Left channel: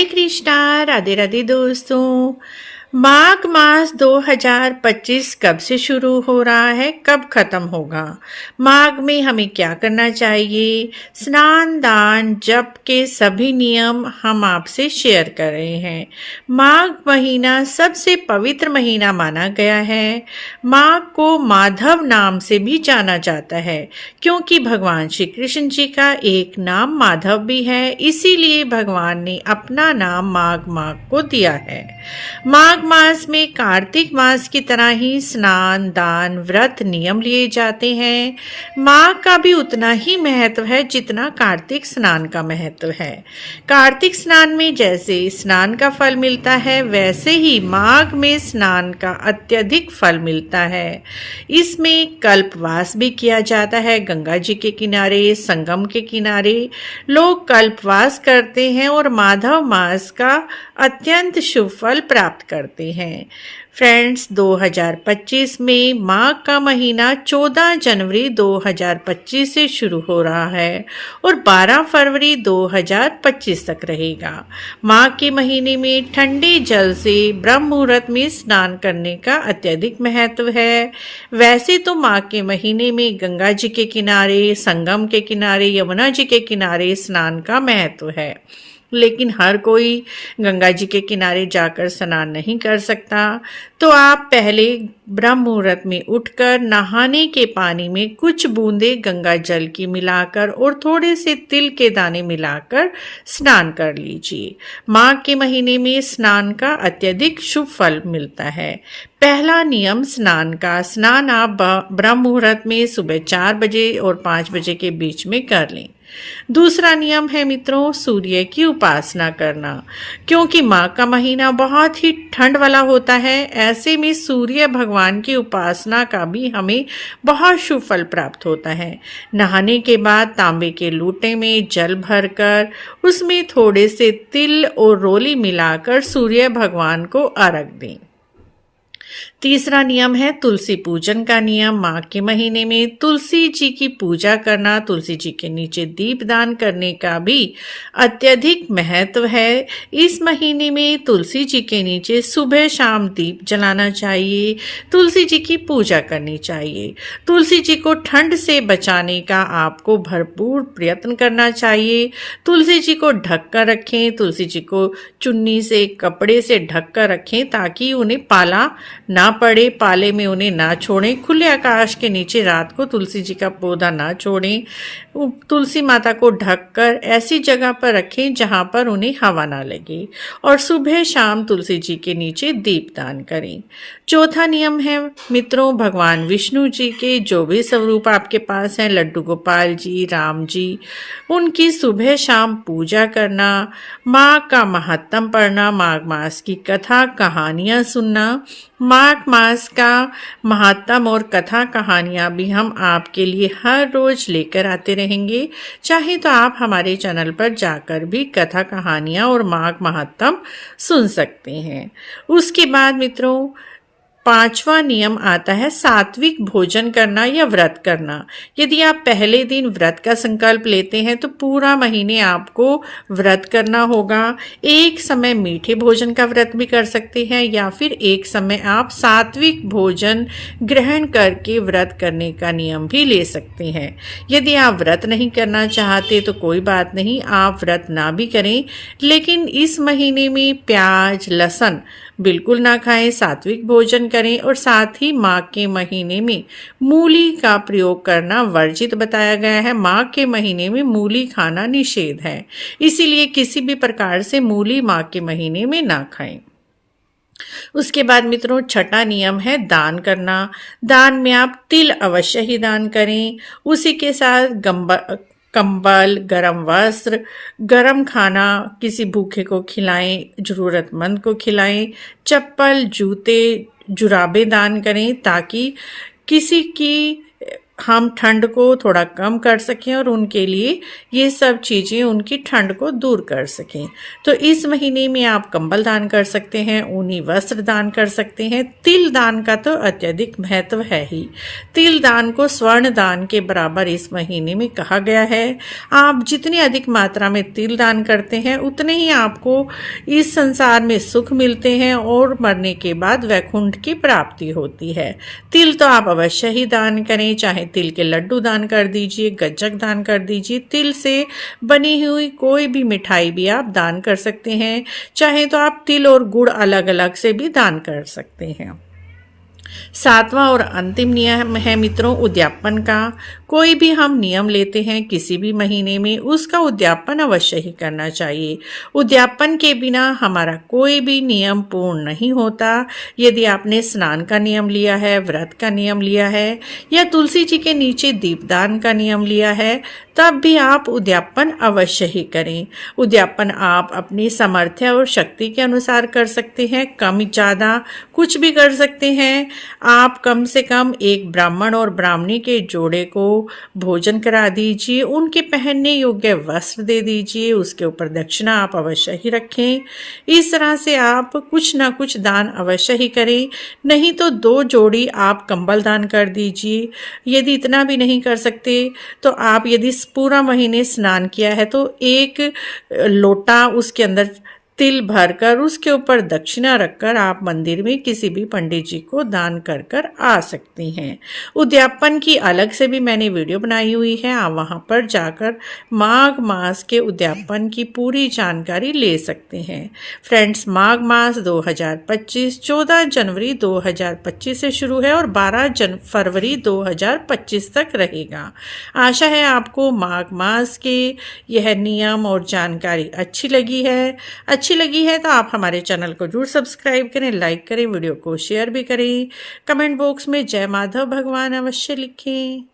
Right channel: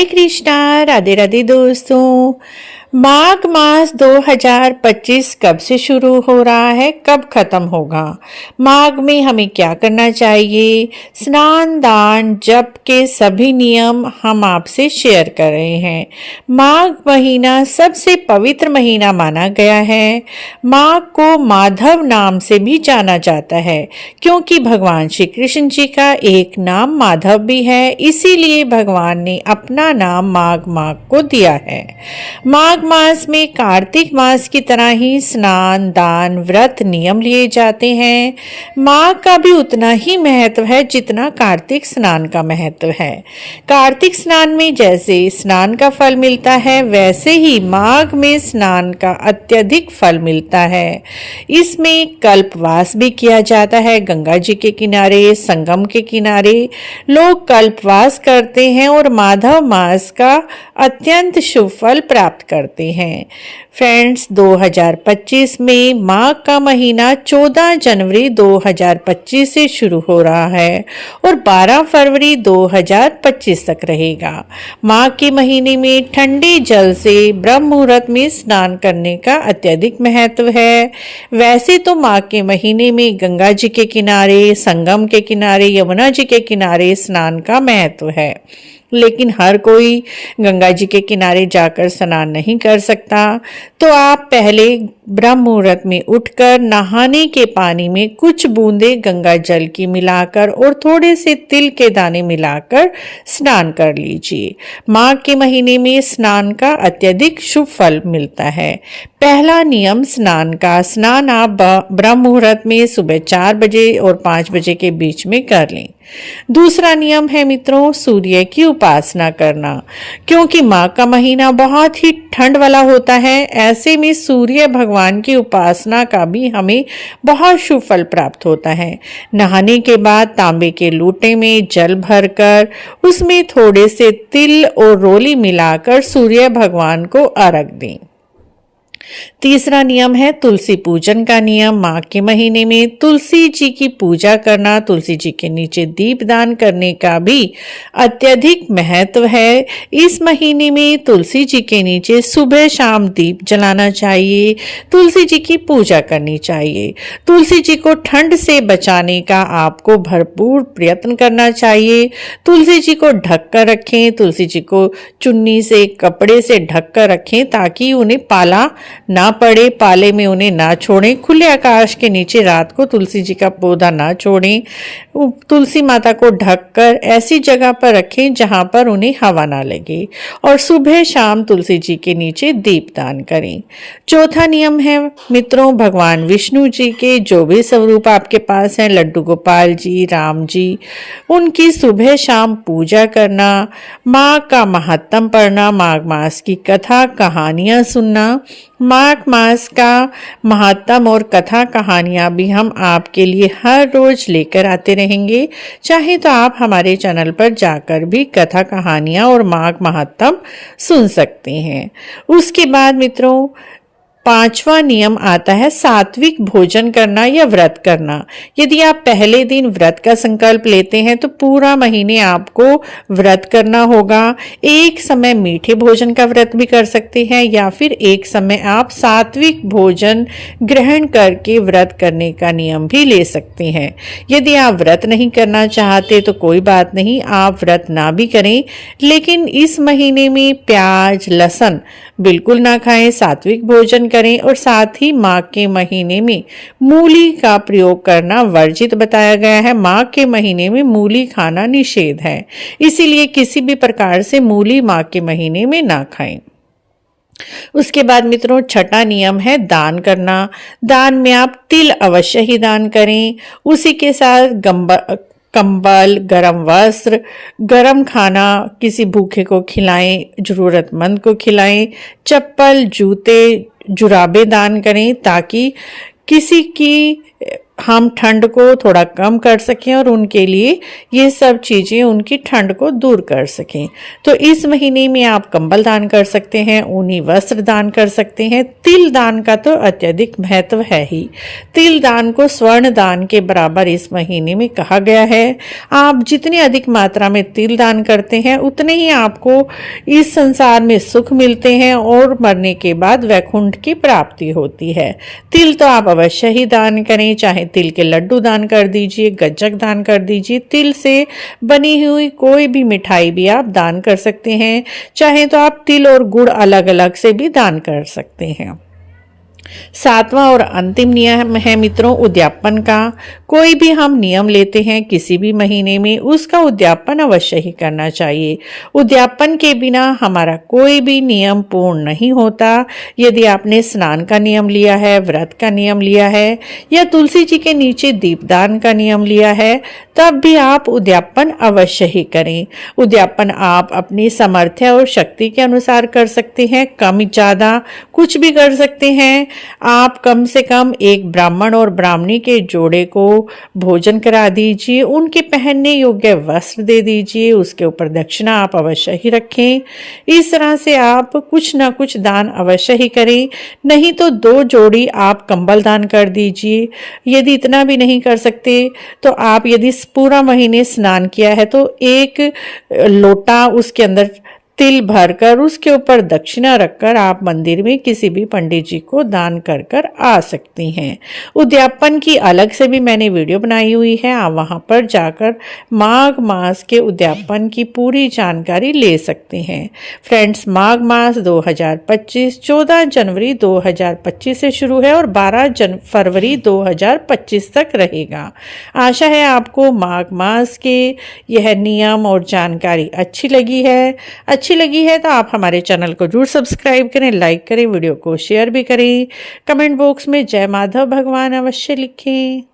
हरे कृष्णा, राधे राधे दोस्तों। माघ मास 2025 कब से शुरू हो रहा है, कब खत्म होगा? माघ में हमें क्या करना चाहिए? स्नान दान जप के सभी नियम हम आपसे शेयर कर रहे हैं। माघ महीना सबसे पवित्र महीना माना गया है। माघ को माधव नाम से भी जाना जाता है क्योंकि भगवान श्री कृष्ण जी का एक नाम माधव भी है, इसीलिए भगवान ने अपना नाम माघ माघ को दिया है। माघ मास में कार्तिक मास की तरह ही स्नान दान व्रत नियम लिए जाते हैं। माघ का भी उतना ही महत्व है जितना कार्तिक स्नान का महत्व है। कार्तिक स्नान में जैसे स्नान का फल मिलता है, वैसे ही माघ में स्नान का अत्यधिक फल मिलता है। इसमें कल्पवास भी किया जाता है। गंगा जी के किनारे, संगम के किनारे लोग कल्पवास करते हैं और माधव मास का अत्यंत शुभ फल प्राप्त करते हैं। फ्रेंड्स, 2025 में माघ का महीना 14 जनवरी 2025 से शुरू हो रहा है और 12 फरवरी 2025 तक रहेगा। माघ के महीने में ठंडे जल से ब्रह्म मुहूर्त में स्नान करने का अत्यधिक महत्व है। वैसे तो माघ के महीने में गंगा जी के किनारे, संगम के किनारे, यमुना जी के किनारे स्नान का महत्व है, लेकिन हर कोई गंगा जी के किनारे जाकर स्नान नहीं कर सकता। तो आप पहले ब्रह्म मुहूर्त में उठकर नहाने के पानी में कुछ बूंदे गंगा जल की मिलाकर और थोड़े से तिल के दाने मिलाकर स्नान कर लीजिए। माघ के महीने में स्नान का अत्यधिक शुभ फल मिलता है। पहला नियम स्नान का, स्नान आप ब्रह्म मुहूर्त में सुबह 4 बजे और 5 बजे के बीच में कर लें। दूसरा नियम है मित्रों, सूर्य की उपासना करना। क्योंकि माघ का महीना बहुत ही ठंड वाला होता है, ऐसे में सूर्य भगवान की उपासना का भी हमें बहुत शुभ फल प्राप्त होता है। नहाने के बाद तांबे के लोटे में जल भरकर उसमें थोड़े से तिल और रोली मिलाकर सूर्य भगवान को अर्घ दें। तीसरा नियम है तुलसी पूजन का नियम। माघ के महीने में तुलसी जी की पूजा करना, तुलसी जी के नीचे दीप दान करने का भी अत्यधिक महत्व है। इस महीने में तुलसी जी के नीचे सुबह शाम दीप जलाना चाहिए, तुलसी जी की पूजा करनी चाहिए। तुलसी जी को ठंड से बचाने का आपको भरपूर प्रयत्न करना चाहिए। तुलसी जी को ढक कर रखें, तुलसी जी को चुन्नी से, कपड़े से ढक कर रखें ताकि उन्हें पाला ना पड़े, पाले में उन्हें ना छोड़ें। खुले आकाश के नीचे रात को तुलसी जी का पौधा ना छोड़ें। तुलसी माता को ढककर ऐसी जगह पर रखें जहां पर उन्हें हवा ना लगे और सुबह शाम तुलसी जी के नीचे दीपदान करें। चौथा नियम है मित्रों, भगवान विष्णु जी के जो भी स्वरूप आपके पास हैं, लड्डू गोपाल जी, राम जी, उनकी सुबह शाम पूजा करना, माघ का महात्म पढ़ना, माघ मास की कथा कहानियां सुनना। माघ मास का महात्म और कथा कहानियां भी हम आपके लिए हर रोज लेकर आते रहेंगे। चाहे तो आप हमारे चैनल पर जाकर भी कथा कहानियां और माघ महात्म सुन सकते हैं। उसके बाद मित्रों, पांचवा नियम आता है सात्विक भोजन करना या व्रत करना। यदि आप पहले दिन व्रत का संकल्प लेते हैं तो पूरा महीने आपको व्रत करना होगा। एक समय मीठे भोजन का व्रत भी कर सकते हैं या फिर एक समय आप सात्विक भोजन ग्रहण करके व्रत करने का नियम भी ले सकते हैं। यदि आप व्रत नहीं करना चाहते तो कोई बात नहीं, आप व्रत ना भी करें, लेकिन इस महीने में प्याज लहसुन बिल्कुल ना खाएं, सात्विक भोजन करें और साथ ही माघ के महीने में मूली का प्रयोग करना वर्जित बताया गया है। माघ के महीने में मूली खाना निषेध है, इसीलिए किसी भी प्रकार से मूली माघ के महीने में ना खाएं। उसके बाद मित्रों, छठा नियम है दान करना। दान में आप तिल अवश्य ही दान करें। उसी के साथ कंबल, गरम वस्त्र, गरम खाना किसी भूखे को खिलाएं, जरूरतमंद को खिलाएं। चप्पल, जूते, जुराबे दान करें ताकि किसी की हम ठंड को थोड़ा कम कर सकें और उनके लिए ये सब चीज़ें उनकी ठंड को दूर कर सकें। तो इस महीने में आप कंबल दान कर सकते हैं, ऊनी वस्त्र दान कर सकते हैं। तिल दान का तो अत्यधिक महत्व है ही। तिल दान को स्वर्ण दान के बराबर इस महीने में कहा गया है। आप जितनी अधिक मात्रा में तिल दान करते हैं उतने ही आपको इस संसार में सुख मिलते हैं और मरने के बाद वैकुंठ की प्राप्ति होती है। तिल तो आप अवश्य ही दान करें, चाहे तिल के लड्डू दान कर दीजिए, गज्जक दान कर दीजिए, तिल से बनी हुई कोई भी मिठाई भी आप दान कर सकते हैं। चाहे तो आप तिल और गुड़ अलग अलग से भी दान कर सकते हैं। सातवां और अंतिम नियम है मित्रों उद्यापन का। कोई भी हम नियम लेते हैं किसी भी महीने में, उसका उद्यापन अवश्य ही करना चाहिए। उद्यापन के बिना हमारा कोई भी नियम पूर्ण नहीं होता। यदि आपने स्नान का नियम लिया है, व्रत का नियम लिया है या तुलसी जी के नीचे दीपदान का नियम लिया है, तब भी आप उद्यापन अवश्य ही करें। उद्यापन आप अपनी सामर्थ्य और शक्ति के अनुसार कर सकते हैं, कम ज़्यादा कुछ भी कर सकते हैं। आप कम से कम एक ब्राह्मण और ब्राह्मणी के जोड़े को भोजन करा दीजिए, उनके पहनने योग्य वस्त्र दे दीजिए, उसके ऊपर दक्षिणा आप अवश्य ही रखें। इस तरह से आप कुछ ना कुछ दान अवश्य ही करें। नहीं तो 2 जोड़ी आप कंबल दान कर दीजिए। यदि इतना भी नहीं कर सकते तो आप यदि पूरा महीने स्नान किया है तो एक लोटा उसके अंदर तिल भरकर उसके ऊपर दक्षिणा रखकर आप मंदिर में किसी भी पंडित जी को दान कर कर आ सकती हैं। उद्यापन की अलग से भी मैंने वीडियो बनाई हुई है, आप वहां पर जाकर माघ मास के उद्यापन की पूरी जानकारी ले सकते हैं। फ्रेंड्स, माघ मास 2025 14 जनवरी 2025 से शुरू है और 12 फरवरी 2025 तक रहेगा। आशा है आपको माघ मास के यह नियम और जानकारी अच्छी लगी है तो आप हमारे चैनल को जरूर सब्सक्राइब करें, लाइक करें, वीडियो को शेयर भी करें। कमेंट बॉक्स में जय माधव भगवान अवश्य लिखें।